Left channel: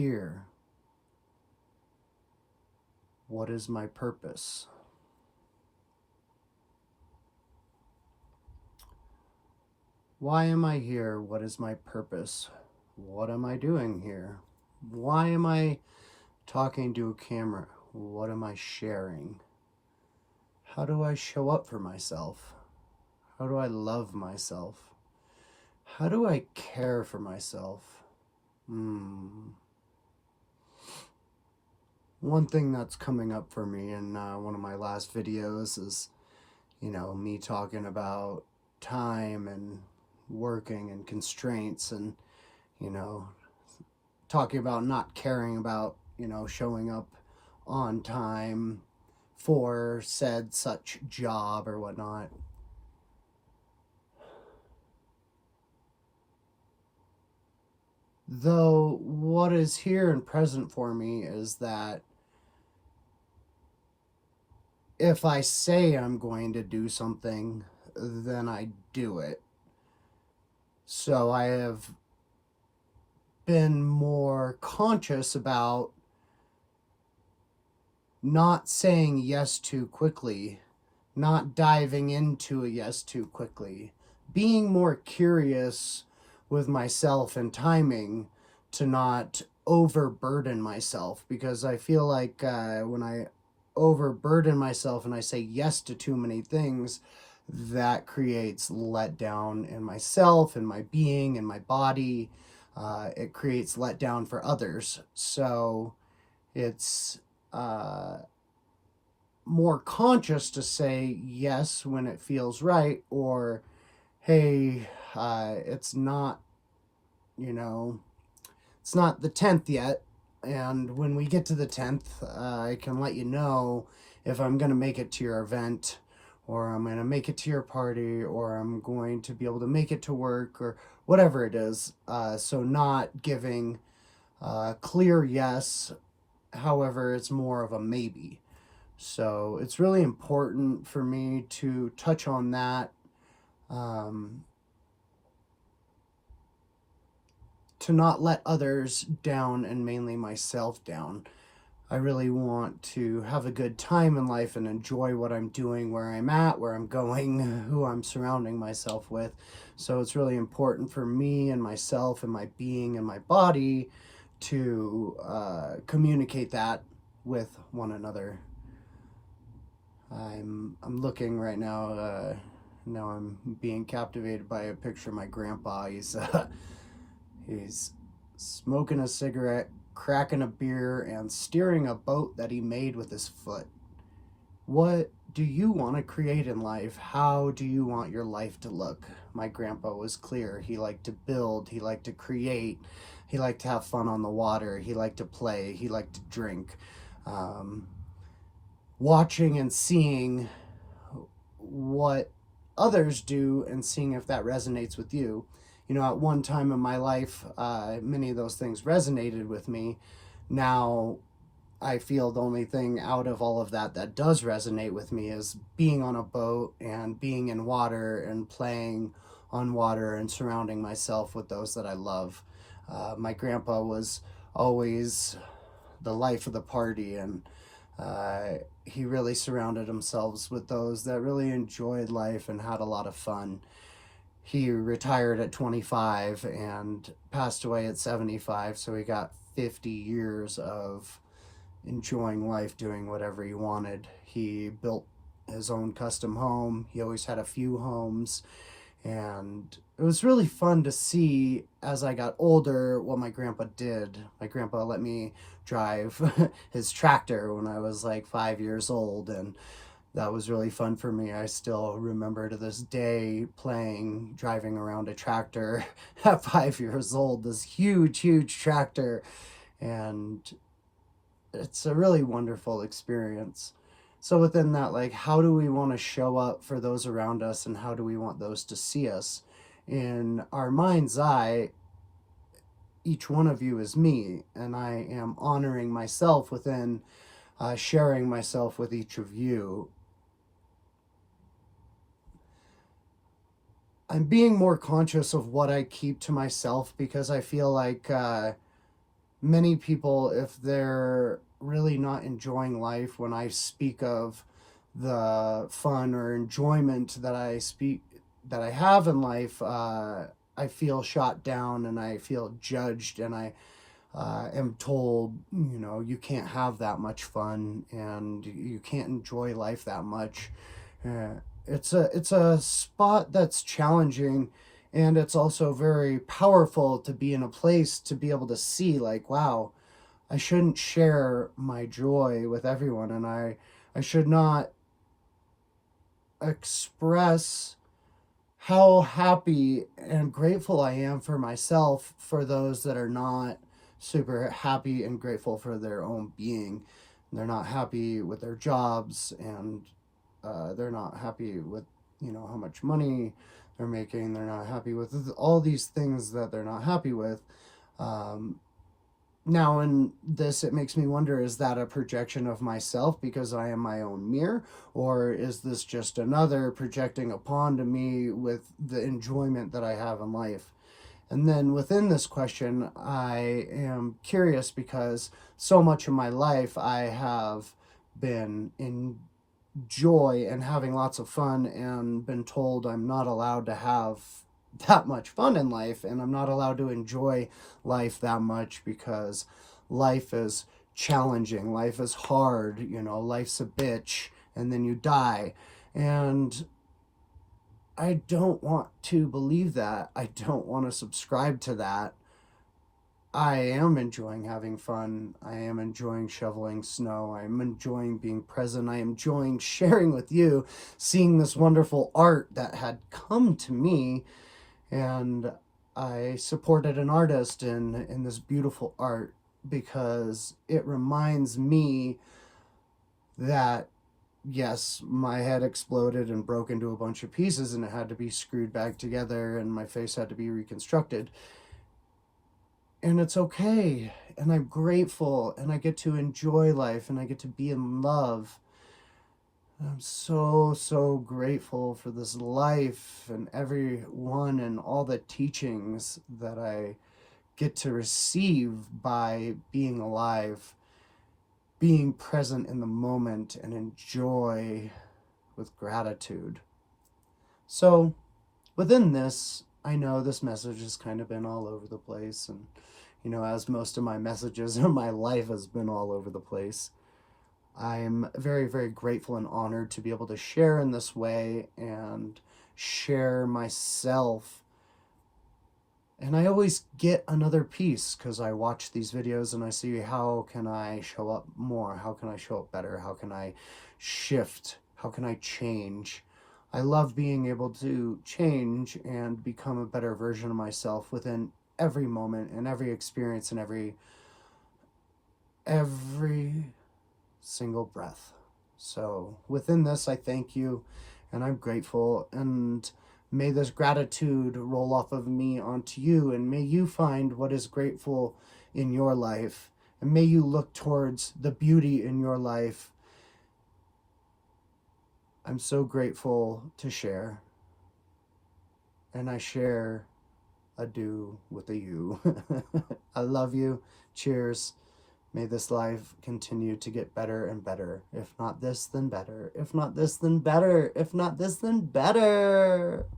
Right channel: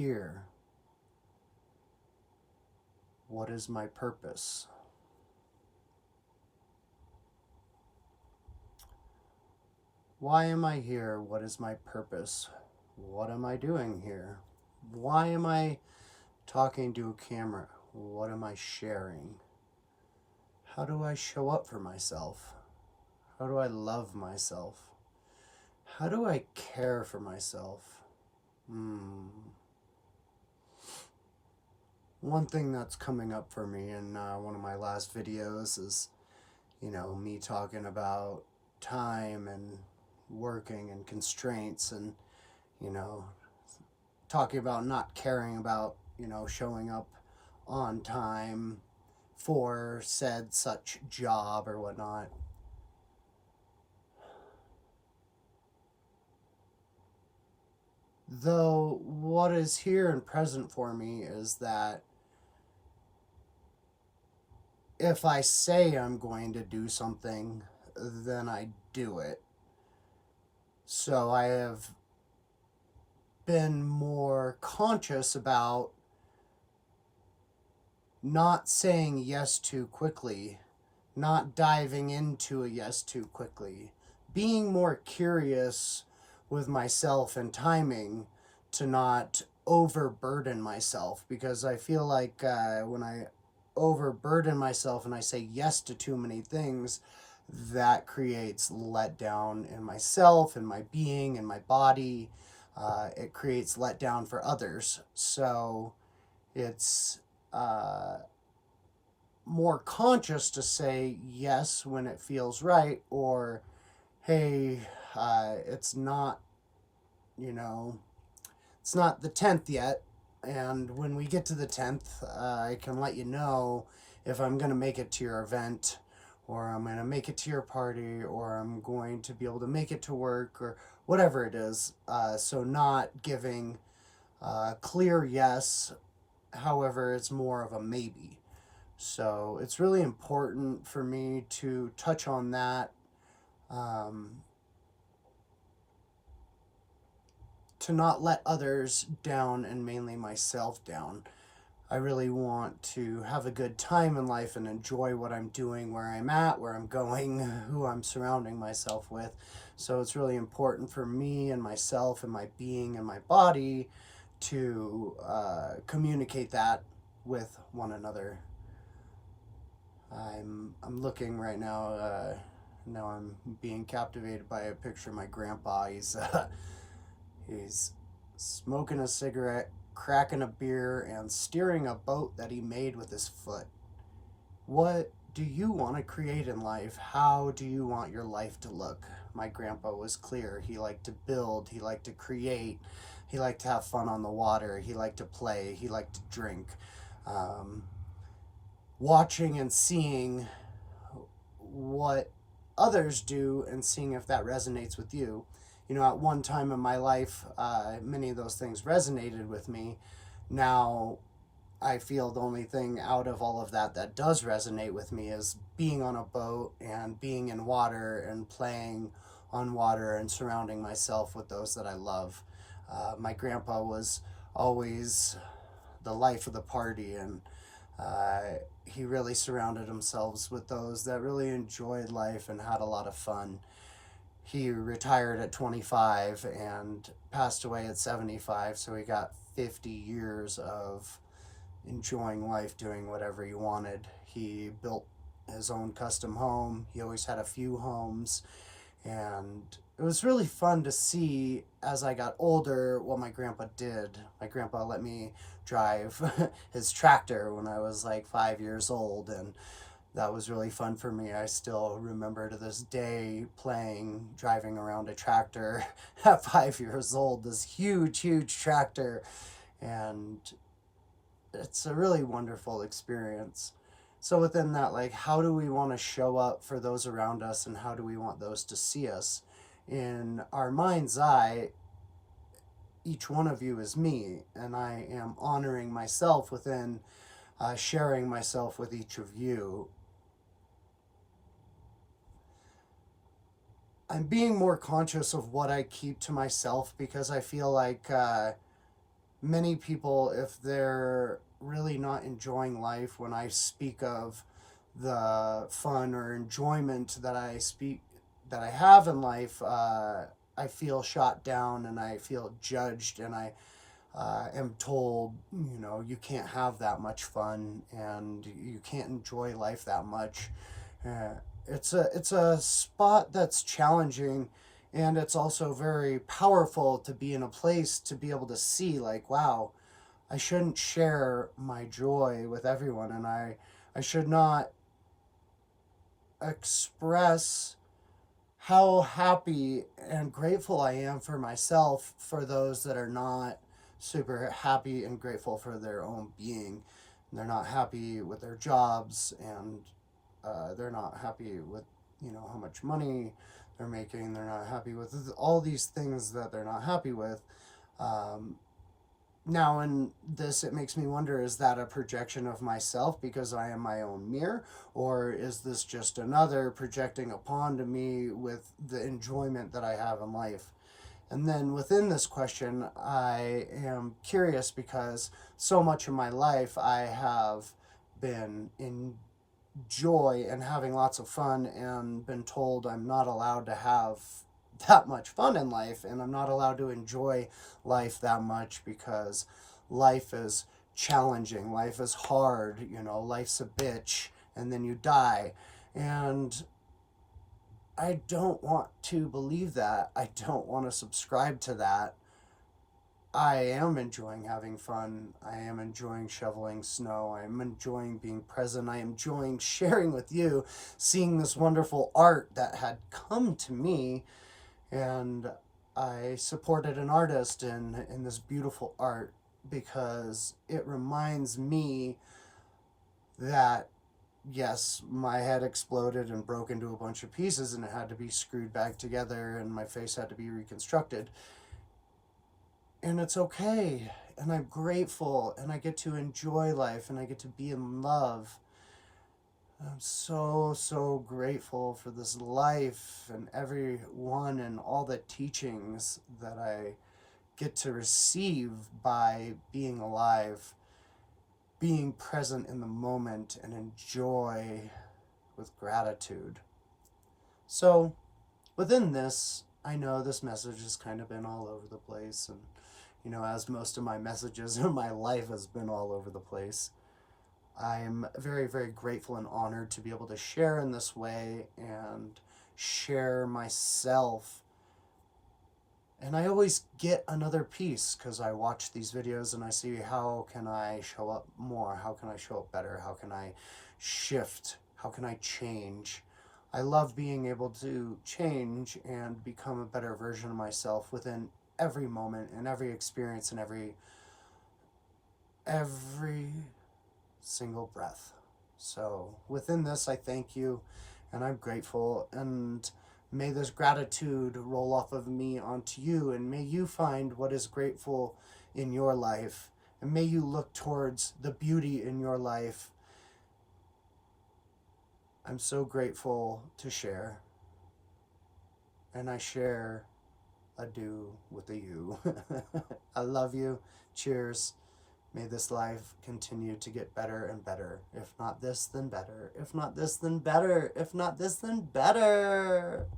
here? What is my purpose? Why am I here? What is my purpose? What am I doing here? Why am I talking to a camera? What am I sharing? How do I show up for myself? How do I love myself? How do I care for myself? One thing that's coming up for me in one of my last videos is, me talking about time and working and constraints and, you know, talking about not caring about, showing up on time for said such job or whatnot. Though what is here and present for me is that if I say I'm going to do something, then I do it. So I have been more conscious about not saying yes too quickly, not diving into a yes too quickly, being more curious with myself and timing to not overburden myself, because I feel like when I overburden myself and I say yes to too many things, that creates letdown in myself and my being and my body. It creates letdown for others. So it's more conscious to say yes when it feels right, or hey, it's not, it's not the 10th yet. And when we get to the 10th, I can let you know if I'm going to make it to your event, or I'm going to make it to your party, or I'm going to be able to make it to work, or whatever it is. So not giving clear yes, however, it's more of a maybe. So it's really important for me to touch on that, to not let others down and mainly myself down. I really want to have a good time in life and enjoy what I'm doing, where I'm at, where I'm going, who I'm surrounding myself with. So it's really important for me and myself and my being and my body to communicate that with one another. I'm looking right now. Now I'm being captivated by a picture of my grandpa. He's smoking a cigarette, cracking a beer, and steering a boat that he made with his foot. What do you want to create in life? How do you want your life to look? My grandpa was clear. He liked to build. He liked to create. He liked to have fun on the water. He liked to play. He liked to drink. Watching and seeing what others do and seeing if that resonates with you. At one time in my life, many of those things resonated with me. Now, I feel the only thing out of all of that that does resonate with me is being on a boat and being in water and playing on water and surrounding myself with those that I love. My grandpa was always the life of the party, and he really surrounded himself with those that really enjoyed life and had a lot of fun. He retired at 25 and passed away at 75, so he got 50 years of enjoying life, doing whatever he wanted. He built his own custom home. He always had a few homes, and it was really fun to see as I got older what my grandpa did. My grandpa let me drive his tractor when I was like 5 years old, and that was really fun for me. I still remember to this day driving around a tractor at 5 years old, this huge tractor, and it's a really wonderful experience. So within that, like, how do we want to show up for those around us, and how do we want those to see us? In our mind's eye, each one of you is me, and I am honoring myself within sharing myself with each of you. I'm being more conscious of what I keep to myself, because I feel like many people, if they're really not enjoying life, when I speak of the fun or enjoyment that I have in life, I feel shot down and I feel judged, and I am told, you can't have that much fun and you can't enjoy life that much. It's a spot that's challenging, and it's also very powerful to be in a place to be able to see, like, wow, I shouldn't share my joy with everyone, and I should not express how happy and grateful I am for myself for those that are not super happy and grateful for their own being. They're not happy with their jobs, and they're not happy with, how much money they're making. They're not happy with all these things that they're not happy with. Um, Now, in this, it makes me wonder, is that a projection of myself because I am my own mirror? Or is this just another projecting upon to me with the enjoyment that I have in life? And then within this question, I am curious because so much of my life I have been in joy and having lots of fun, and been told I'm not allowed to have that much fun in life, and I'm not allowed to enjoy life that much because life is challenging, life is hard, life's a bitch, and then you die. And I don't want to believe that. I don't want to subscribe to that. I am enjoying having fun. I am enjoying shoveling snow. I am enjoying being present. I am enjoying sharing with you, seeing this wonderful art that had come to me. And I supported an artist in this beautiful art because it reminds me that, yes, my head exploded and broke into a bunch of pieces, and it had to be screwed back together, and my face had to be reconstructed. And it's okay. And I'm grateful, and I get to enjoy life, and I get to be in love. I'm so, so grateful for this life and everyone and all the teachings that I get to receive by being alive, being present in the moment, and enjoy with gratitude. So, within this, I know this message has kind of been all over the place, and as most of my messages in my life has been all over the place, I'm very, very grateful and honored to be able to share in this way and share myself. And I always get another piece because I watch these videos and I see, how can I show up more? How can I show up better? How can I shift? How can I change? I love being able to change and become a better version of myself within every moment and every experience and every single breath. So within this, I thank you, and I'm grateful, and may this gratitude roll off of me onto you, and may you find what is grateful in your life, and may you look towards the beauty in your life. I'm so grateful to share, and I share a do with a you. I love you. Cheers. May this life continue to get better and better. If not this, then better. If not this, then better. If not this, then better.